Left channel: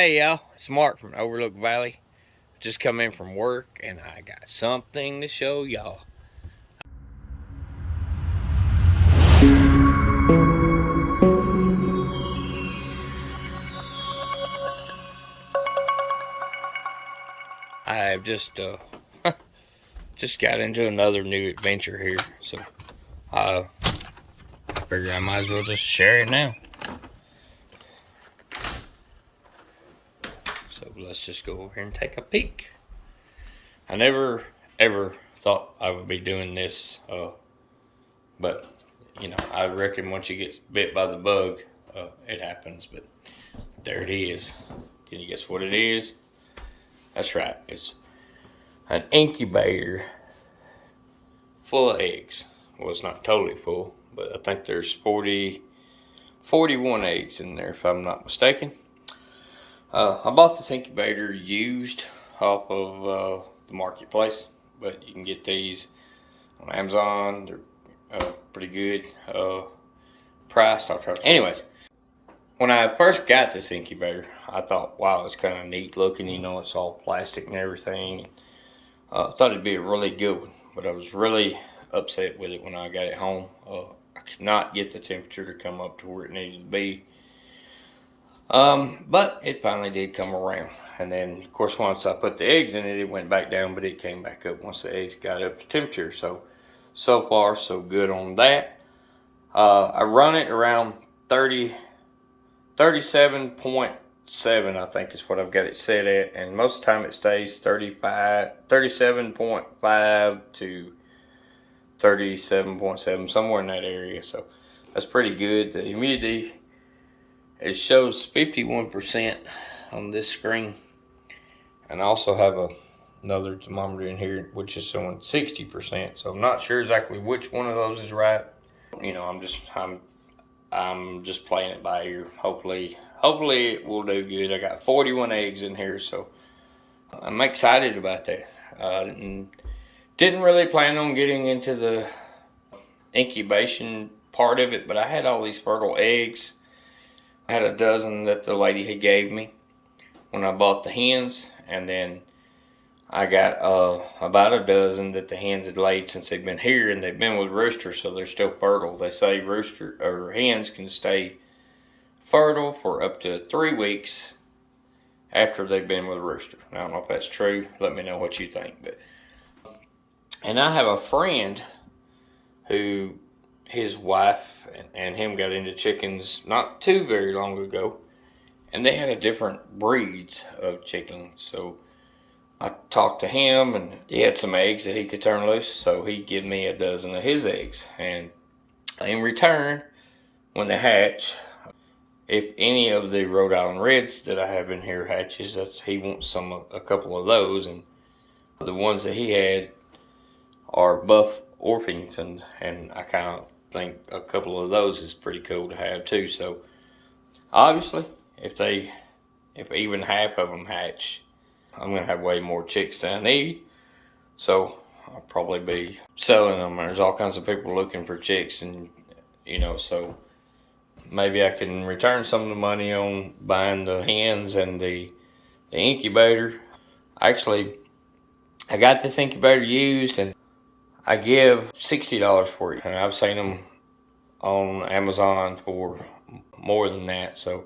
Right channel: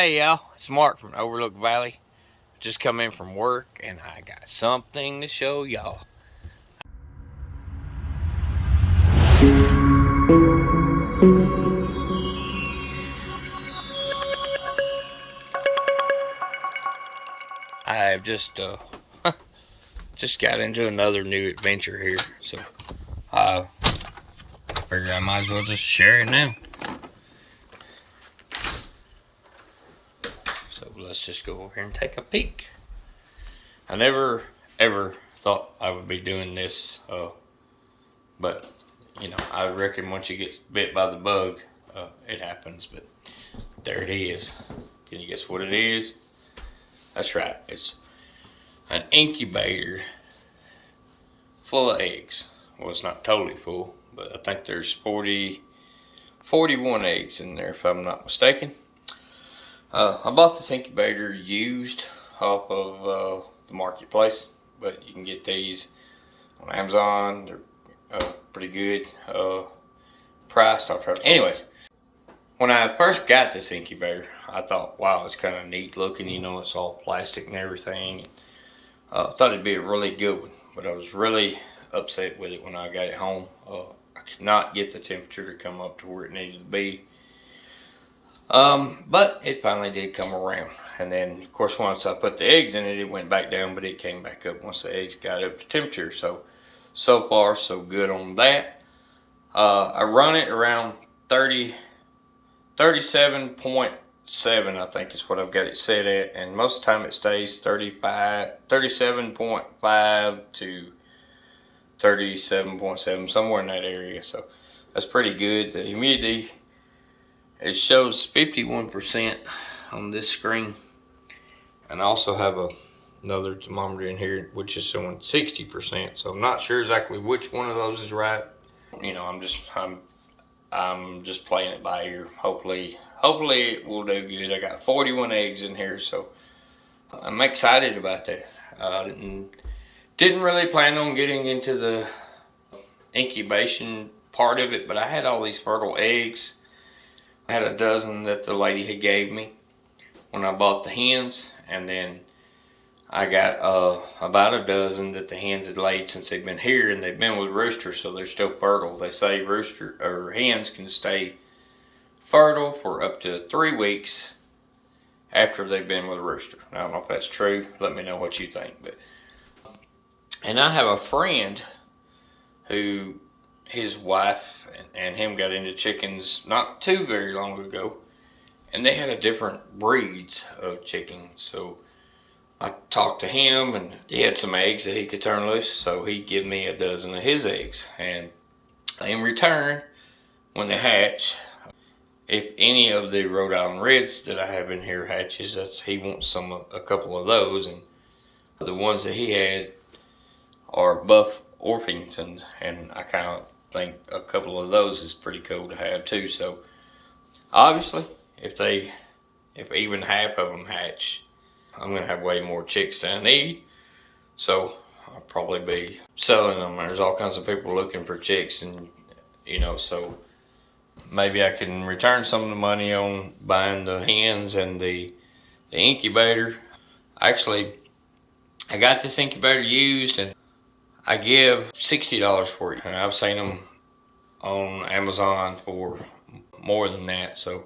Hey y'all, it's Mark from Overlook Valley. Just come in from work and I got something to show y'all. I've just got into another new adventure here, so I figure I might as well just share it now. So let's just go over here and take a peek. I never ever thought I would be doing this, but you know, I reckon once you get bit by the bug, it happens. But there it is. Can you guess what it is? That's right. It's an incubator full of eggs. Well, it's not totally full, but I think there's 41 eggs in there, if I'm not mistaken. I bought this incubator used off of the marketplace, but you can get these on Amazon. They're pretty good priced. I'll try. Anyways, when I first got this incubator, I thought, wow, it's kind of neat looking. You know, it's all plastic and everything. I thought it'd be a really good one, but I was really upset with it when I got it home. I could not get the temperature to come up to where it needed to be. But it finally did come around. And then, of course, once I put the eggs in it, it went back down, but it came back up once the eggs got up to temperature. So far, so good on that. I run it around 37.7, I think is what I've got it set at. And most of the time it stays 37.5 to 37.7, somewhere in that area. So that's pretty good. The humidity, it shows 51% on this screen. And I also have another thermometer in here, which is showing 60%. So I'm not sure exactly which one of those is right. You know, I'm just playing it by ear. Hopefully it will do good. I got 41 eggs in here, so I'm excited about that. Didn't really plan on getting into the incubation part of it, but I had all these fertile eggs. I had a dozen that the lady had gave me when I bought the hens, and then I got about a dozen that the hens had laid since they've been here, and they've been with roosters, so they're still fertile. They say hens can stay fertile for up to 3 weeks after they've been with a rooster. I don't know if that's true. Let me know what you think. And I have a friend who his wife and him got into chickens not too very long ago, and they had a different breeds of chickens. So I talked to him, and he had some eggs that he could turn loose, so he gave me a dozen of his eggs. And in return, when they hatch, if any of the Rhode Island Reds that I have in here hatches, he wants a couple of those. And the ones that he had are Buff Orpingtons, and I kind of think a couple of those is pretty cool to have too. So obviously, if even half of them hatch, I'm gonna have way more chicks than I need. So I'll probably be selling them. There's all kinds of people looking for chicks, and you know, so maybe I can return some of the money on buying the hens and the incubator. Actually, I got this incubator used, and I give $60 for it. And I've seen them on Amazon for more than that. So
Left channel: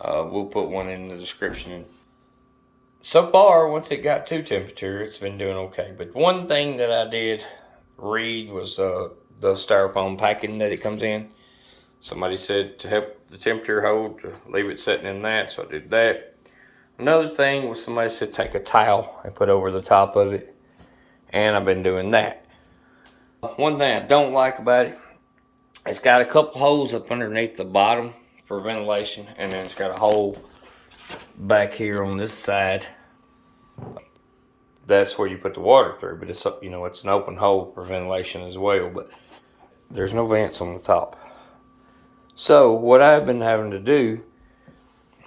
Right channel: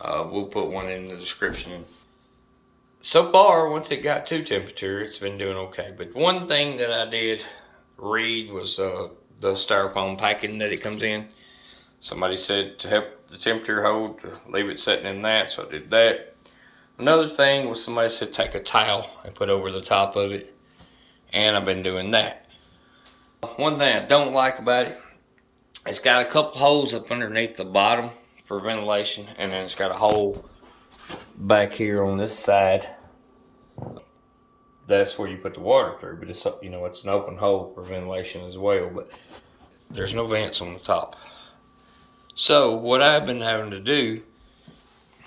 we'll put one in the description. And so far, once it got to temperature, it's been doing okay. But one thing that I did read was the styrofoam packing that it comes in. Somebody said to help the temperature hold, to leave it sitting in that, so I did that. Another thing was somebody said take a towel and put over the top of it, and I've been doing that. One thing I don't like about it, it's got a couple holes up underneath the bottom for ventilation, and then it's got a hole back here on this side. That's where you put the water through, but it's, you know, it's an open hole for ventilation as well, but there's no vents on the top. So what I've been having to do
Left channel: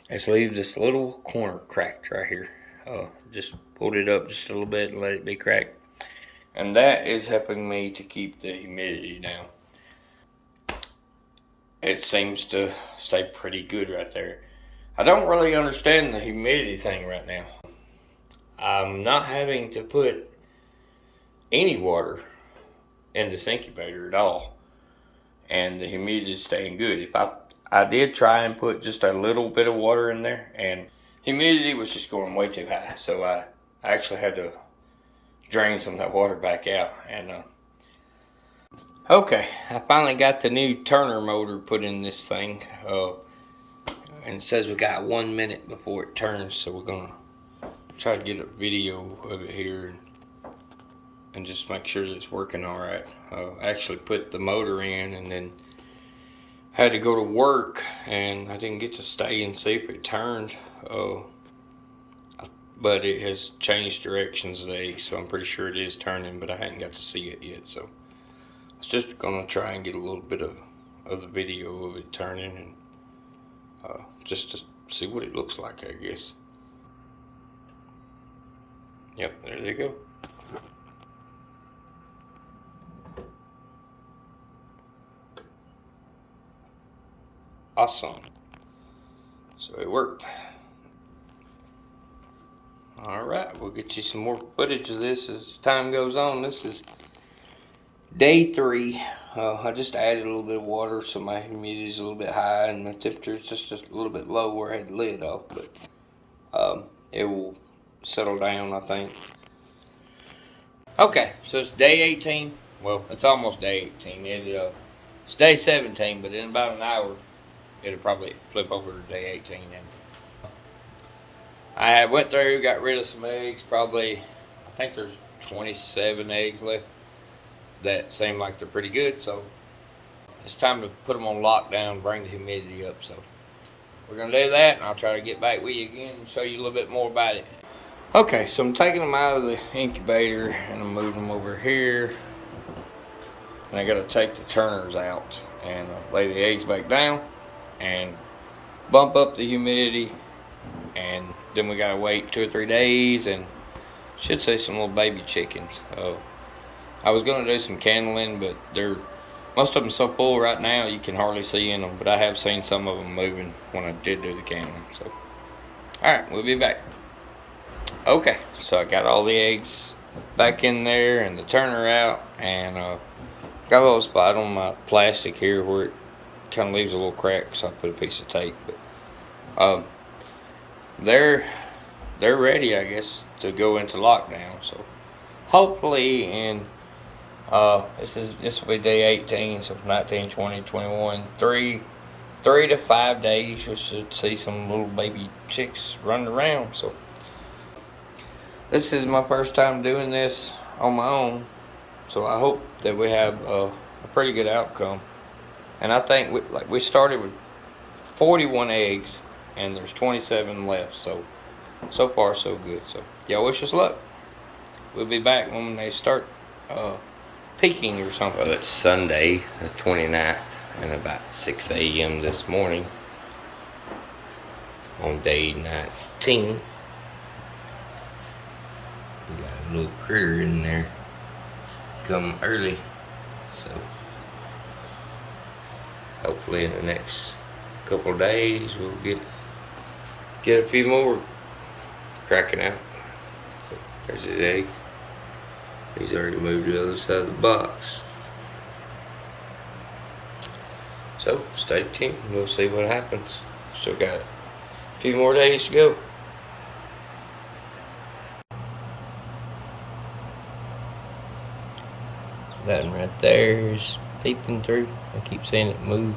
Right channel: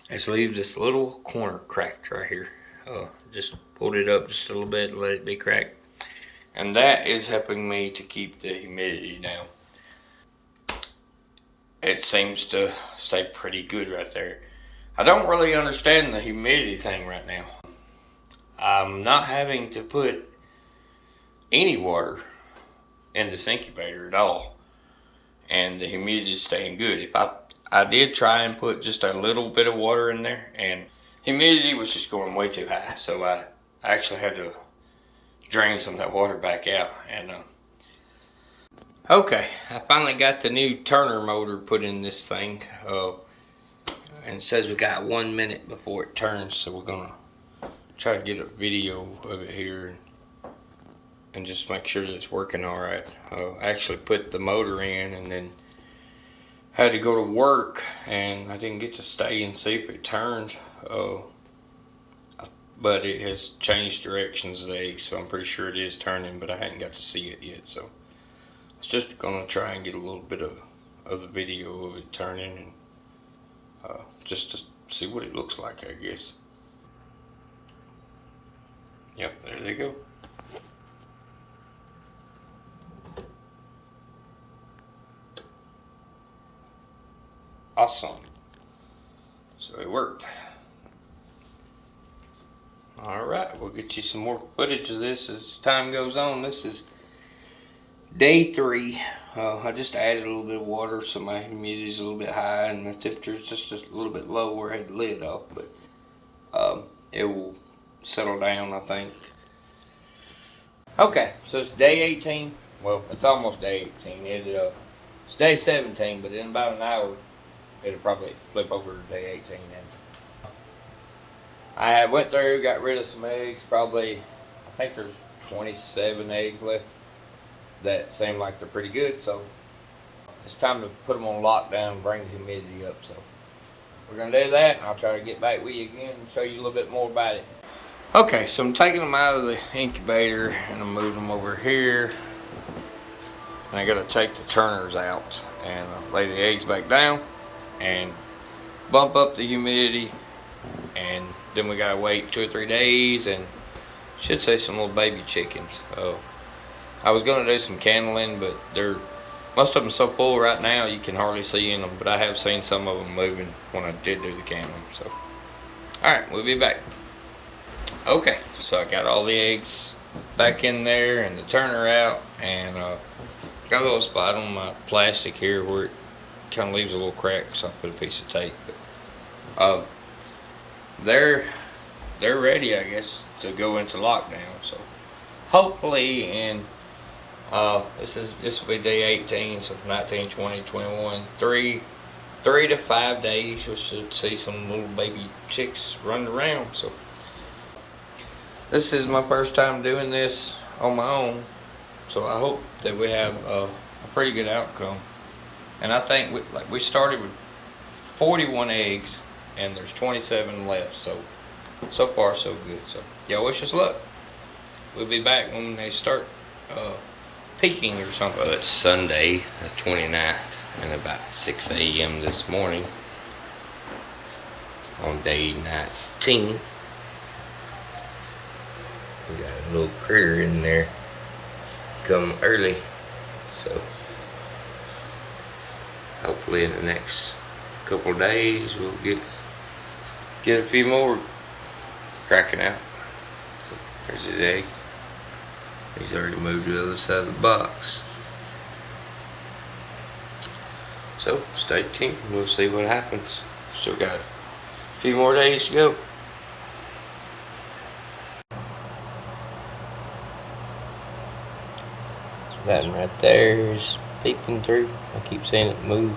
is leave this little corner cracked right here. Just pulled it up just a little bit and let it be cracked. And that is helping me to keep the humidity down. It seems to stay pretty good right there. I don't really understand the humidity thing right now. I'm not having to put any water in this incubator at all, and the humidity is staying good. If I did try and put just a little bit of water in there, and humidity was just going way too high, so I actually had to drain some of that water back out. And okay, I finally got the new Turner motor put in this thing, and it says we got 1 minute before it turns, so we're gonna try to get a video of it here and just make sure that it's working all right. I actually put the motor in and then had to go to work, and I didn't get to stay and see if it turned. But it has changed directions of the egg, so I'm pretty sure it is turning, but I hadn't got to see it yet. So I was just gonna try and get a little bit of the video of it turning, and just to see what it looks like, I guess. Yep, there they go. Awesome. So it worked. Alright, we'll get you some more footage of this as time goes on. This is day 3. I just added a little bit of water, so my humidity is a little bit high and my temperature is just a little bit low where I had the lid off, but it will settle down, I think. Okay, so it's day 18. Well, it's almost day 18. It's day 17, but in about an hour, it'll probably flip over to day 18 then. I went through, got rid of some eggs, probably, I think there's 27 eggs left that seem like they're pretty good, so it's time to put them on lockdown, bring the humidity up. So we're going to do that, and I'll try to get back with you again and show you a little bit more about it. Okay, so I'm taking them out of the incubator and I'm moving them over here, and I got to take the turners out and lay the eggs back down and bump up the humidity, and then we gotta wait 2 or 3 days and should see some little baby chickens. I was gonna do some candling, but most of them so full right now you can hardly see in them, but I have seen some of them moving when I did do the candling. So alright, we'll be back. Okay, so I got all the eggs back in there and the turner out, and got a little spot on my plastic here where it kind of leaves a little crack, so I put a piece of tape. But they're ready, I guess, to go into lockdown. So hopefully in this will be day 18, so 19, 20, 21, 3 to 5 days we should see some little baby chicks running around. So this is my first time doing this on my own, so I hope that we have a pretty good outcome. And I think we started with 41 eggs, and there's 27 left, so far so good. So y'all wish us luck. We'll be back when they start peaking or something. Well, it's Sunday the 29th and about 6 a.m. this morning on day 19. We got a little critter in there come early, so hopefully in the next couple of days we'll get a few more cracking out. So there's his egg. He's already moved to the other side of the box. So stay tuned, we'll see what happens. Still got a few more days to go. That one right there is peeping through. I keep seeing it move.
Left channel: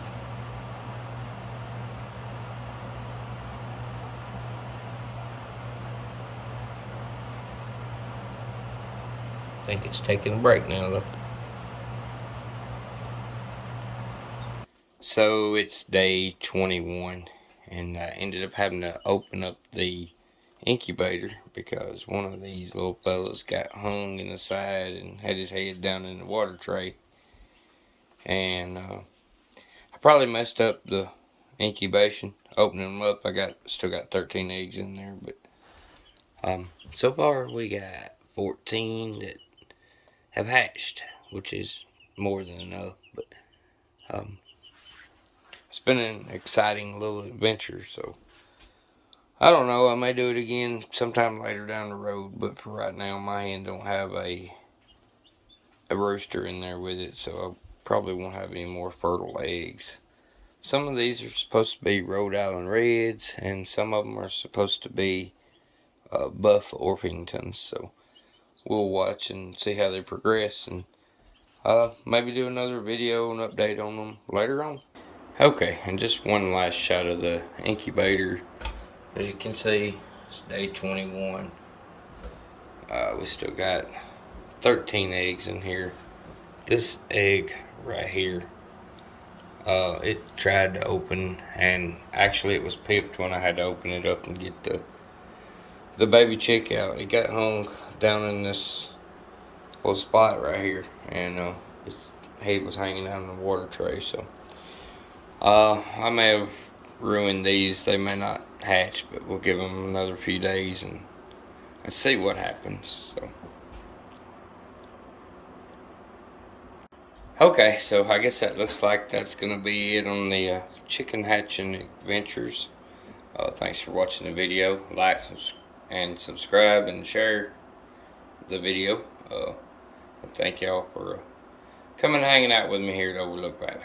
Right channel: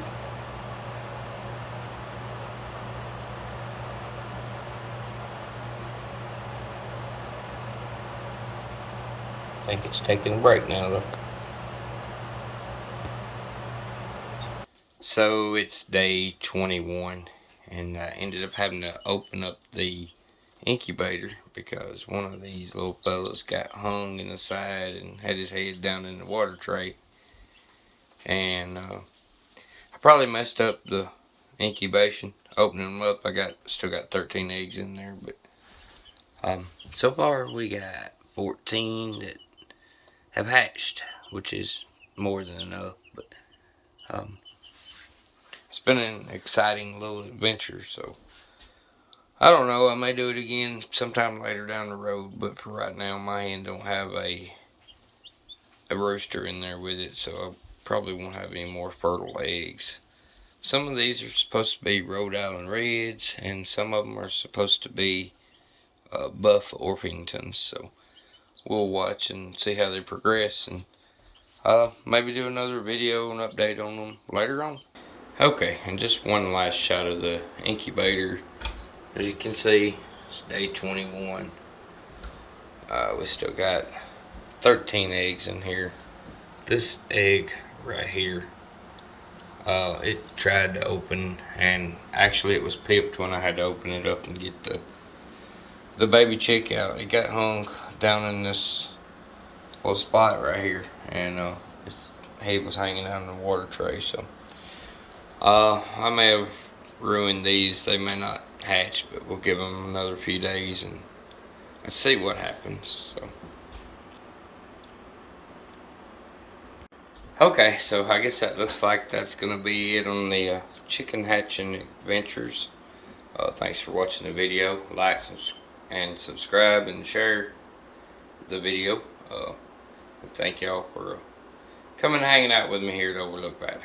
I think it's taking a break now though. So it's day 21, and I ended up having to open up the incubator because one of these little fellas got hung in the side and had his head down in the water tray. And I probably messed up the incubation opening them up. Still got 13 eggs in there, but so far we got 14 that have hatched, which is more than enough. But it's been an exciting little adventure, so I don't know, I may do it again sometime later down the road, but for right now my hen don't have a rooster in there with it, so I probably won't have any more fertile eggs. Some of these are supposed to be Rhode Island Reds, and some of them are supposed to be Buff Orpingtons, so we'll watch and see how they progress, and maybe do another video and update on them later on. Okay, and just one last shot of the incubator. As you can see, it's day 21. We still got 13 eggs in here. This egg right here, it tried to open, and actually it was pipped when I had to open it up and get the baby chick out. It got hung down in this little spot right here, and its head was hanging down in the water tray. So I may have ruined these. They may not hatch, but we'll give them another few days and let's see what happens. So okay, so I guess that looks like that's gonna be it on the chicken hatching adventures. Thanks for watching the video. Like and subscribe and share the video. Thank y'all for coming and hanging out with me here at Overlook Valley.